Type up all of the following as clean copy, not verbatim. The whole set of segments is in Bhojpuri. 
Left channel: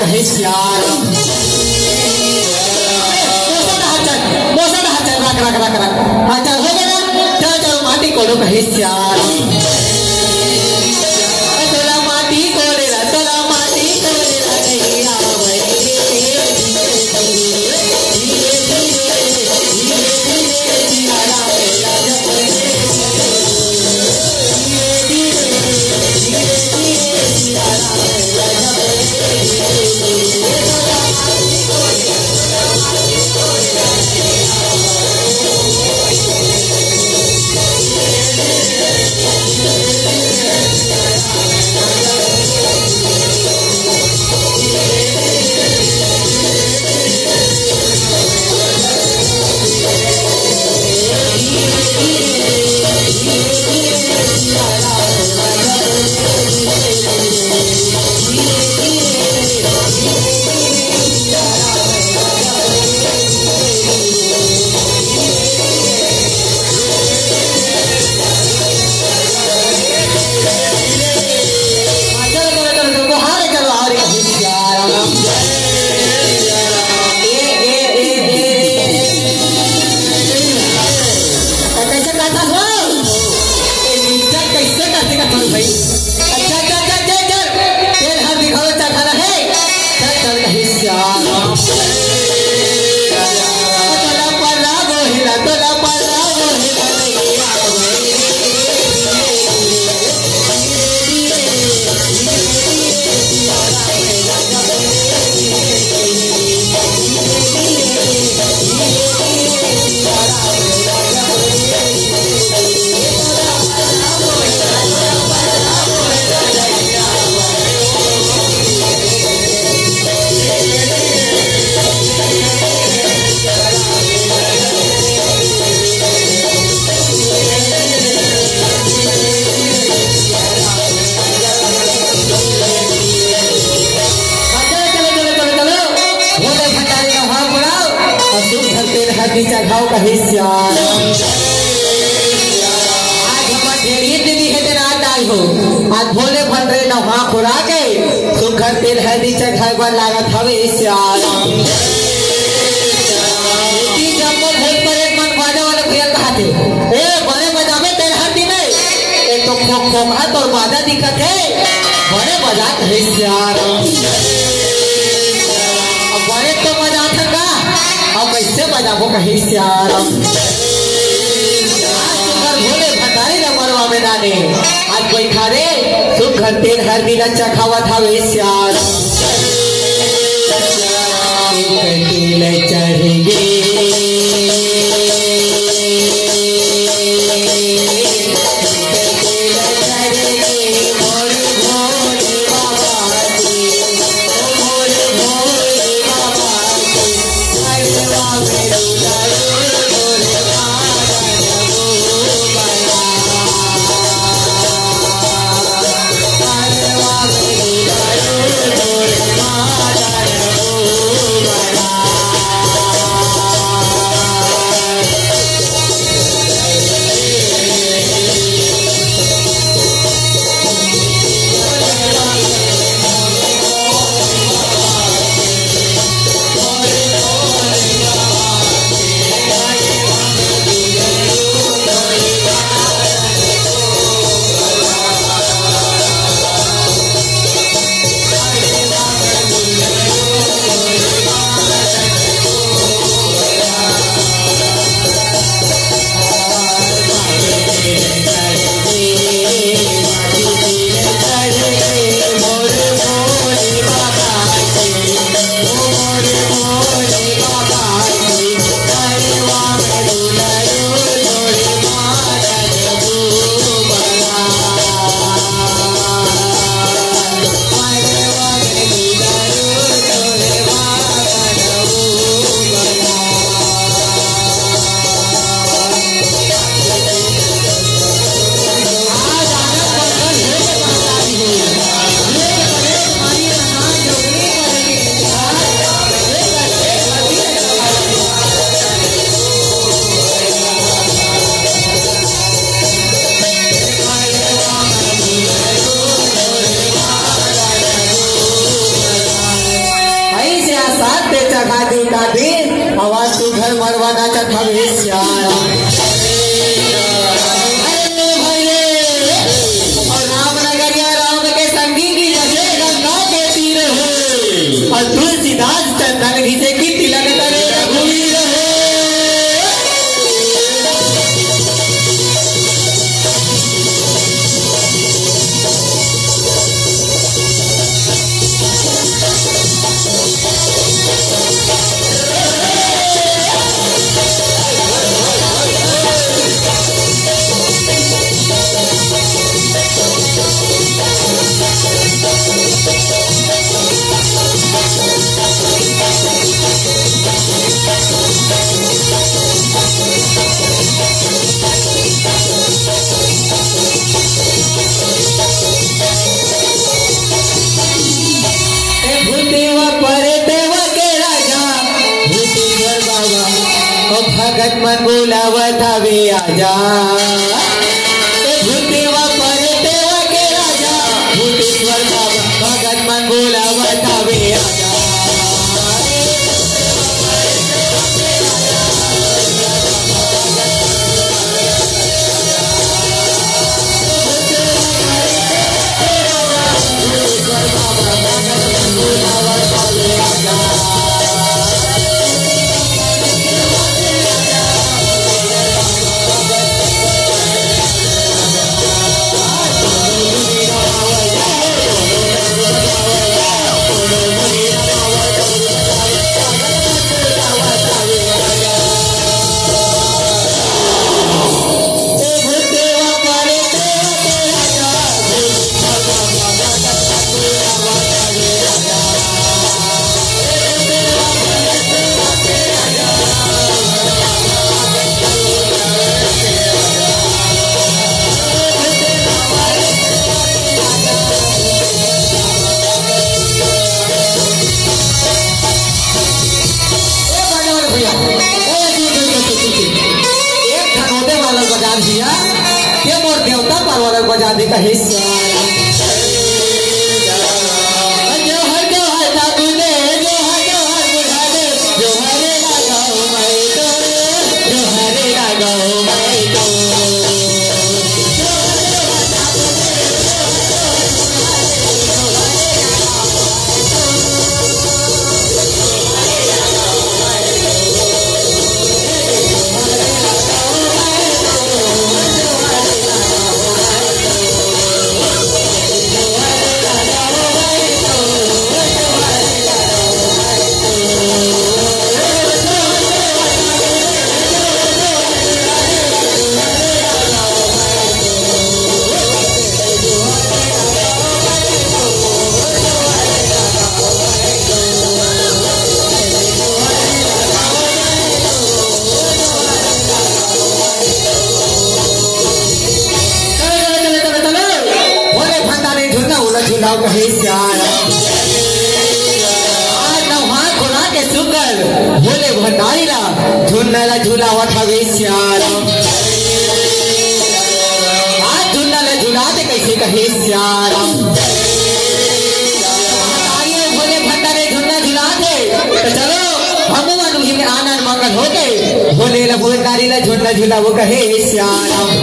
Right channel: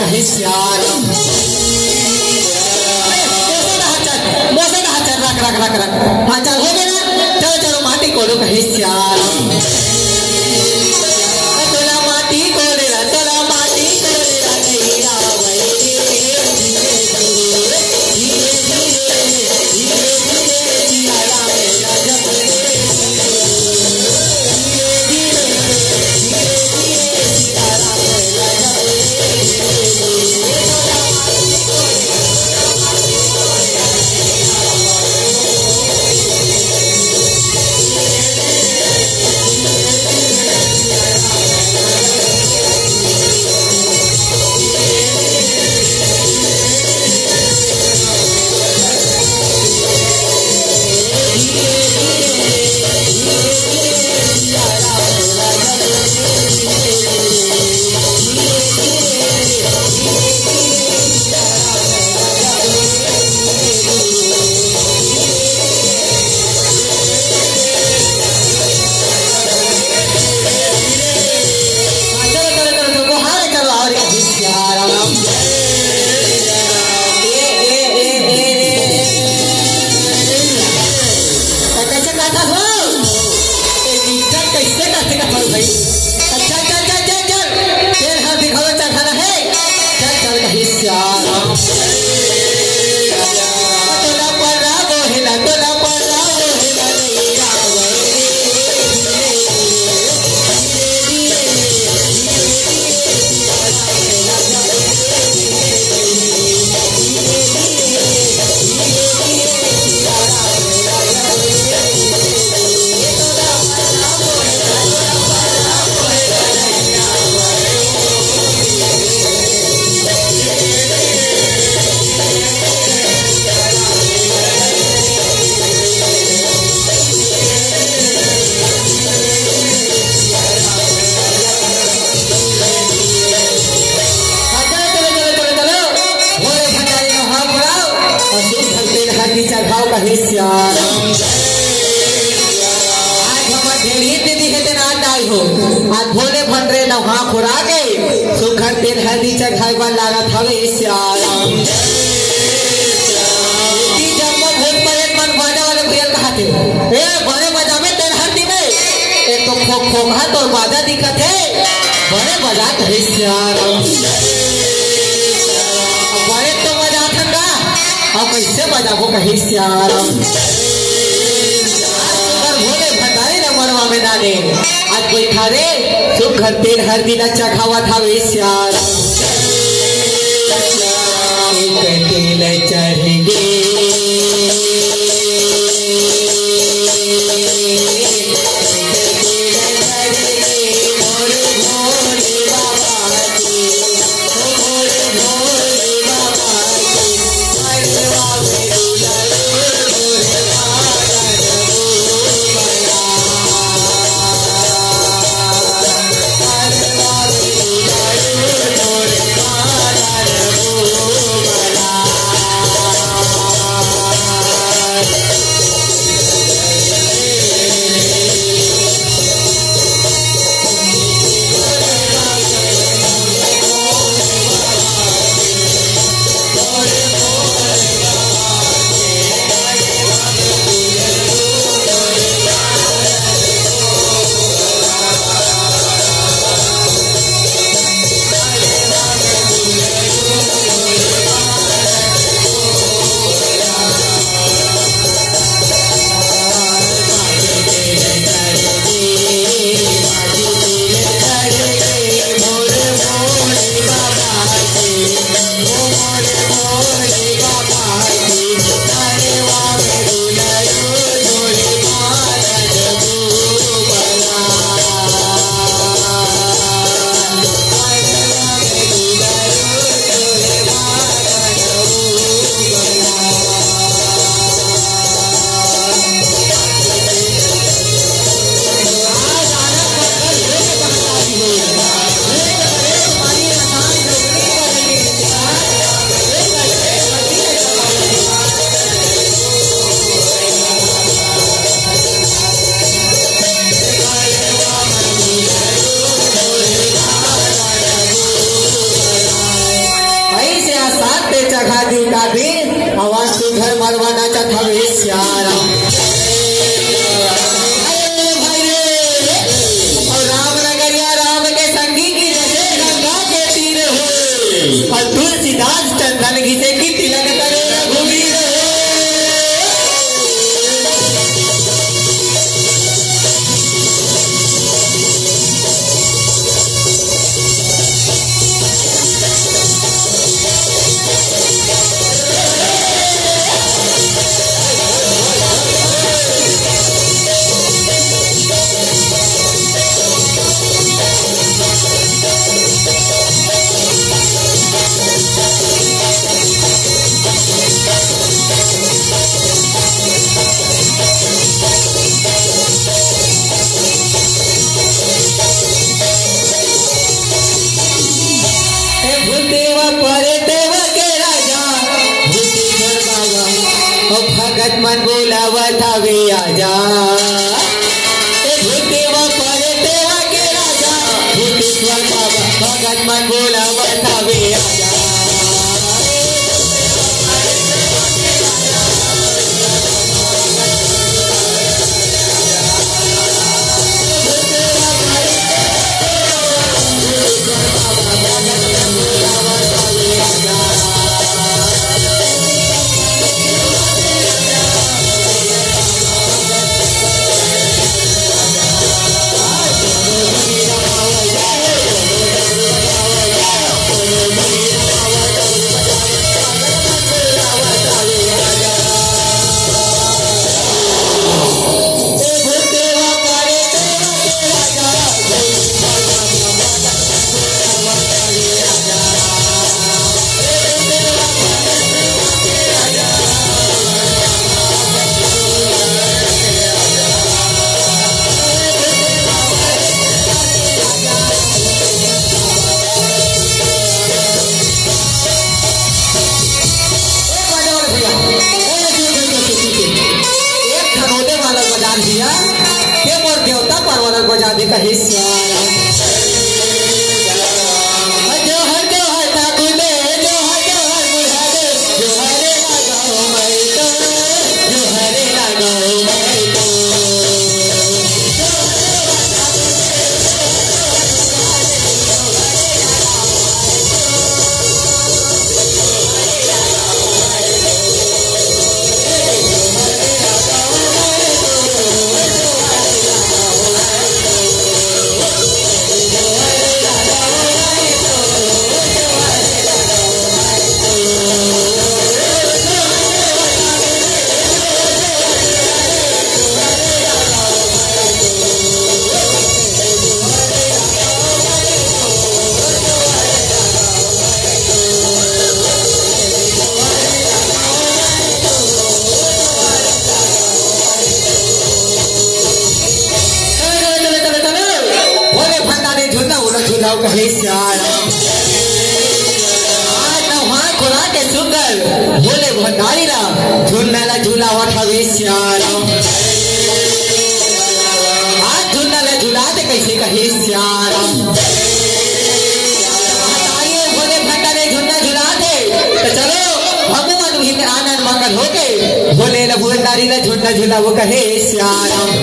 कहे श्याम भोले भंडरे नहा खुरा के सुखर तेल हल्दी चढ़ावा लागत हवे श्याम बड़े मजा में तेल हल्दी में एक तो खोखा तो बाजा दिक्कत है बड़े मजा है श्याम बड़े तो मजा था और कैसे बजाबो कही श्याम आज कोई खाने सुखर तेल हर दिन अच्छा खावा था वे श्याम तेल चढ़ेगे झुन्नाला झुलावत हवे श्याम आज झुन्नाला झुलाते कैसे कहे श्याम बोले भंडारे झुन्ना झुलाते तो चलो भगवान ही आनंद मंगल होते बोले भंडारी ला झुन्ना झुलावो कहे श्याम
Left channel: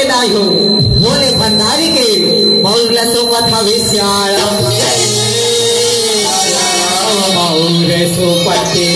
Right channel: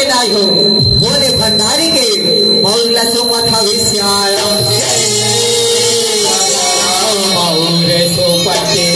भोले भंडारी के मौला सो पठावे श्याम मौरे सो पटे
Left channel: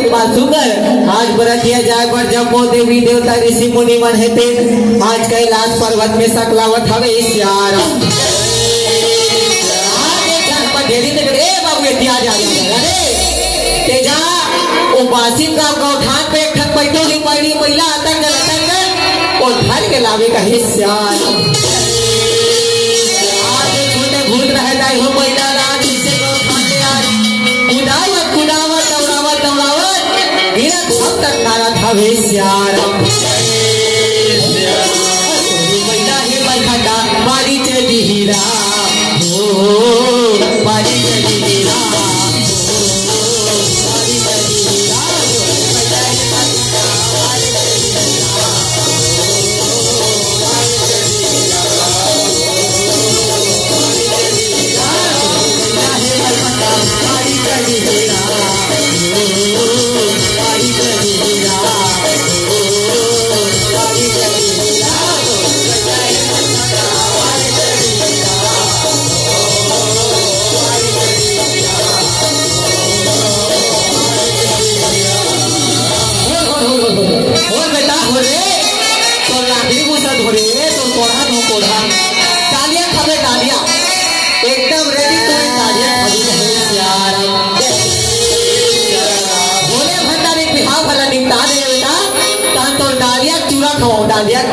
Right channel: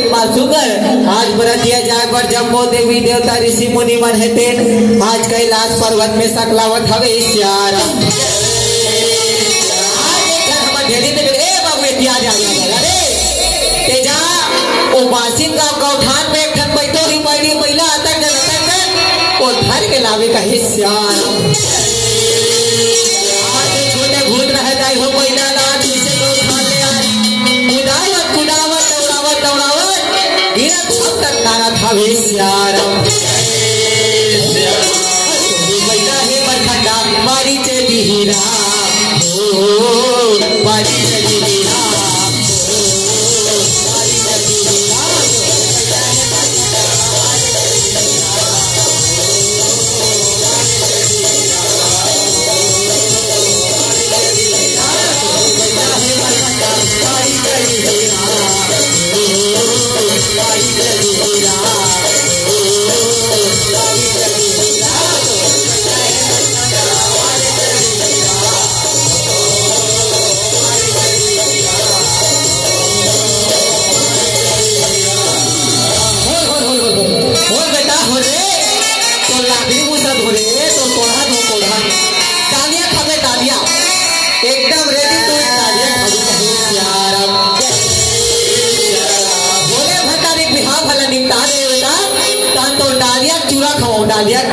आज बरतिया जागर जम्बो देवी देवता ऋषि मुनि मन हेते आज कैलाश पर्वत में सकलावत हवे श्याम तेजा ओ बासिन का गौठान पे एक ठन बैठो ही पड़ी महिला अतंग अतंग ओ धर के लावे कहे श्याम छोटे भूत रह जाए हो महिला रात से गौठान में आए उड़ावत उड़ावत दौड़ावत दौड़ावत गिरा भक्त नारा था वे श्याम महिला हे बखंडा मारी चली हीरा हो मारी चली हीरा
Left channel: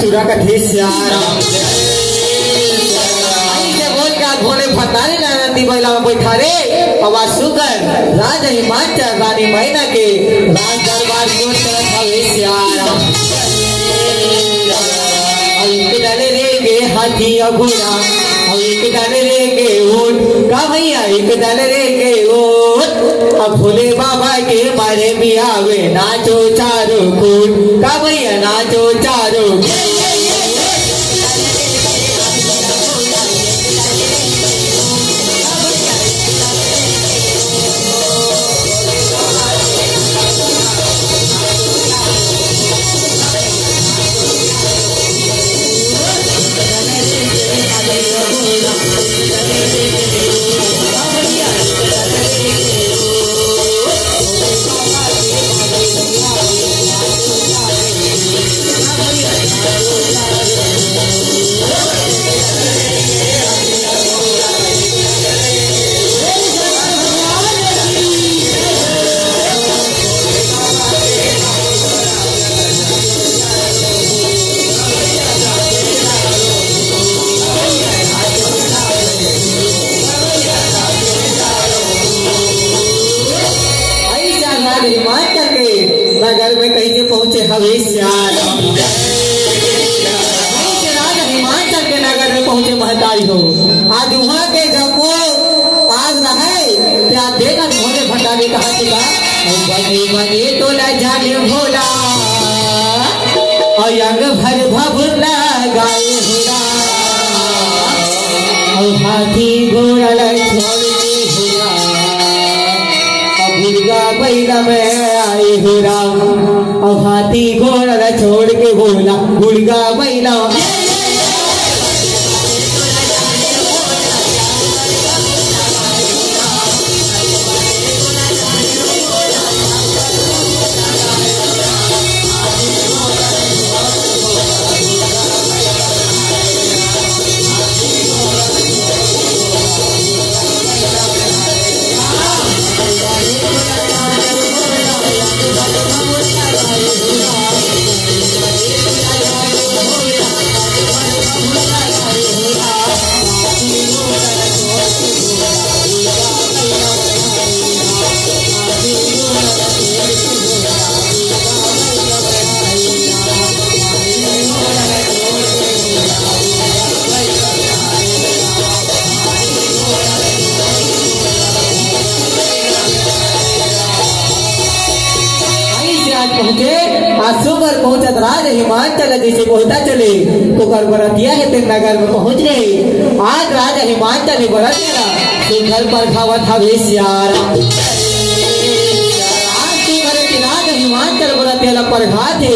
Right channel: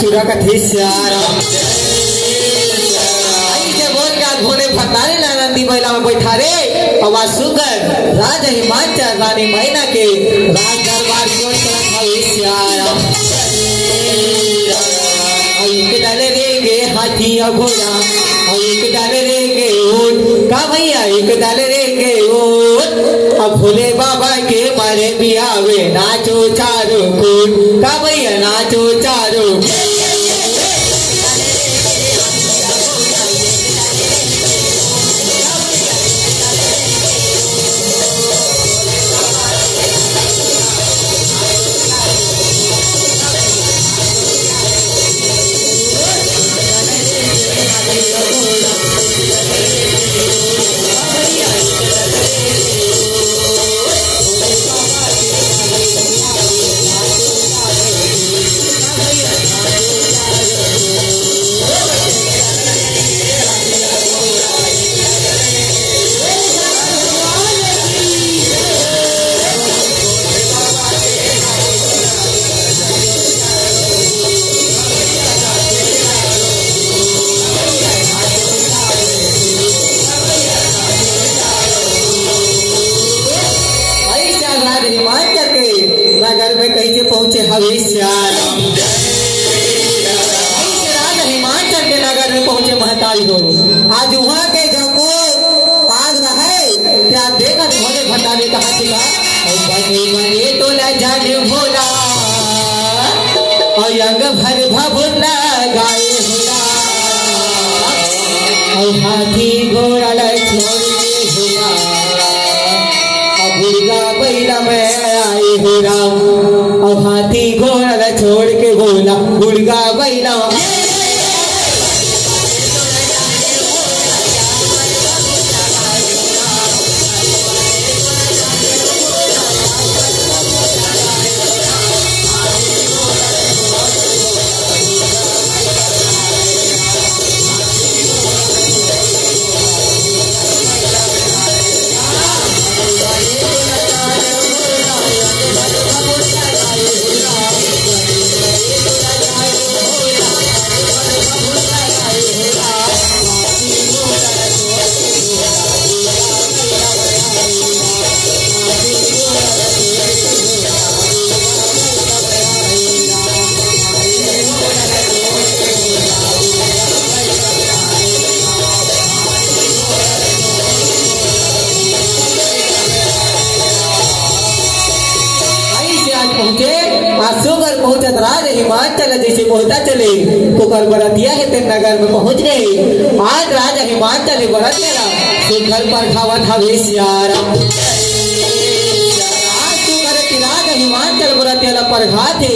चूड़ा का बोल क्या भोले भंडारी नंदी महिला में बैठा रे आवाज सुकर राज हिमाचल रानी मैना के राज दरबार को एक दल रेंगे वो अब भोले बाबा के मारे बियावे नाचो चारों कूद का भैया नाचो चारों आज वहाँ के जंगो आग रहे क्या देखा भोले भंडा ने कहा बने बने तो न जाने भोला और अंग भर भभुला गाए भोला और हाथी घोड़ा छोड़ा और दुर्गा बैला में आए हो राम और हाथी घोड़ा छोड़ के बोला दुर्गा बैला चले तो कल बरातिया के तेरे नगर में पहुंच गए। आज राजा हिमाचल ने बड़ा दिया तो घर पर खावा था वेश्यार आज तो घर की राजा हिमाचल बरातिया पर खाते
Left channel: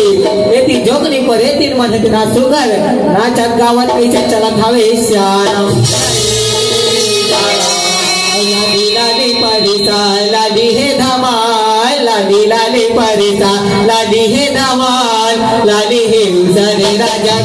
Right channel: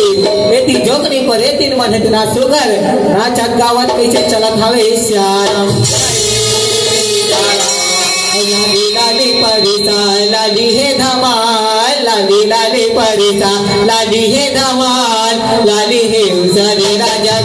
बेटी जोगनी को रेतीन मन इतना सुगर राजा गावत कैसे चला था वेश्यार लाडी परिसा लाडी है धमाल लाडी लाडी परिसा लाडी है धमाल लाडी है उजरे राजा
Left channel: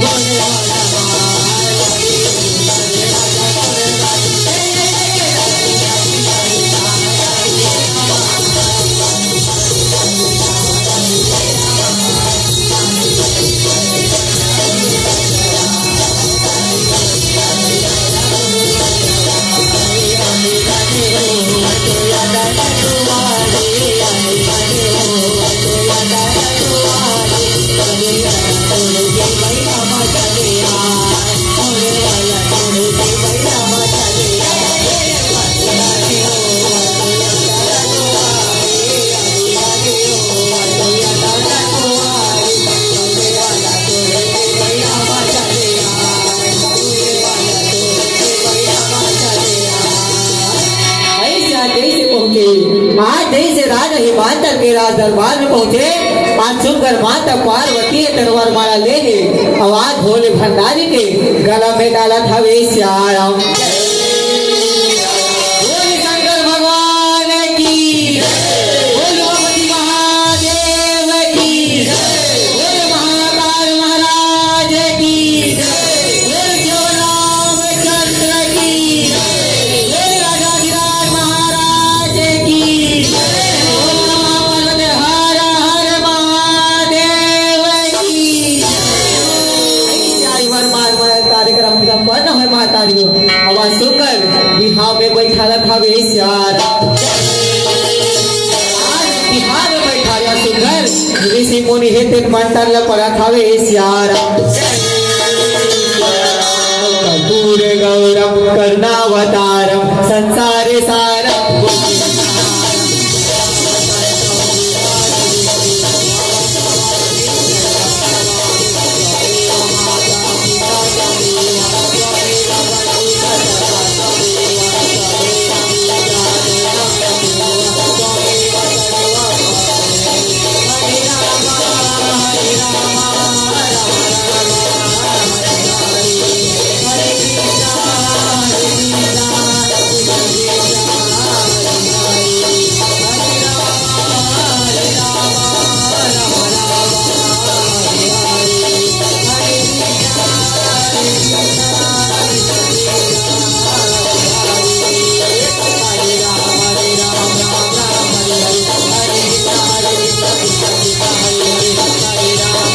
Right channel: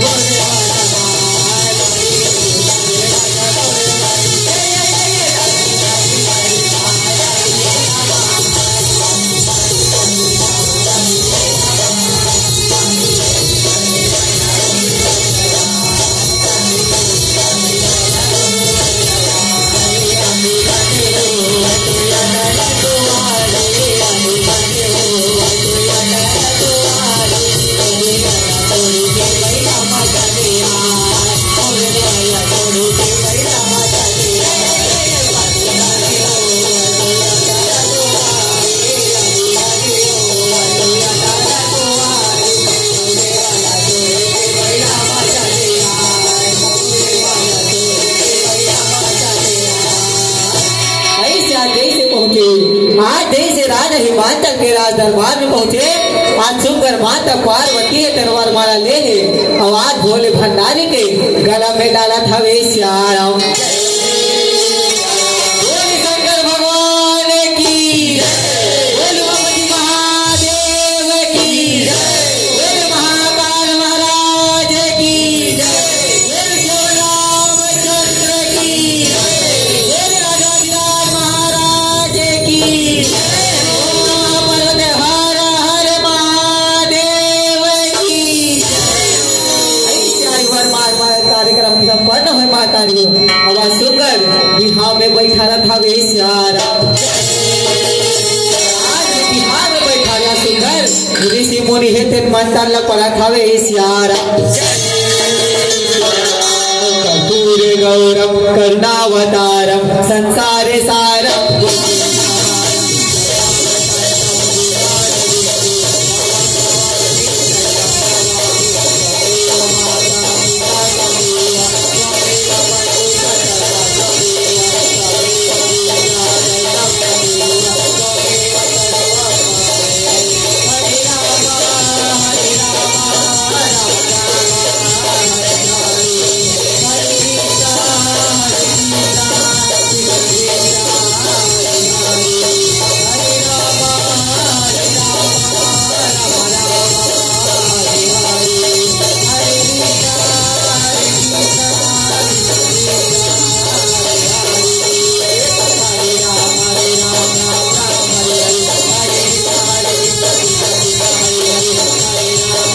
आज जैसे राजा हिमाचल के राज दरबार में पहुंचे। आज सुनकर माता पार्वती तलवार माला ले आवाज भोले भंडारी के गला में डाला था वेश्यार शंकर भगवान की महादेव की महाकाल महाराज की आवाज सुनकर बिहार में बैठा था वेश्यार आज बिहार में बैठा सुंदर ऋषि मुनि हेतु मंत्र पड़ा था वेश्यार कर्पूर गौरम कर्णावतारम संसारे सार हरे राम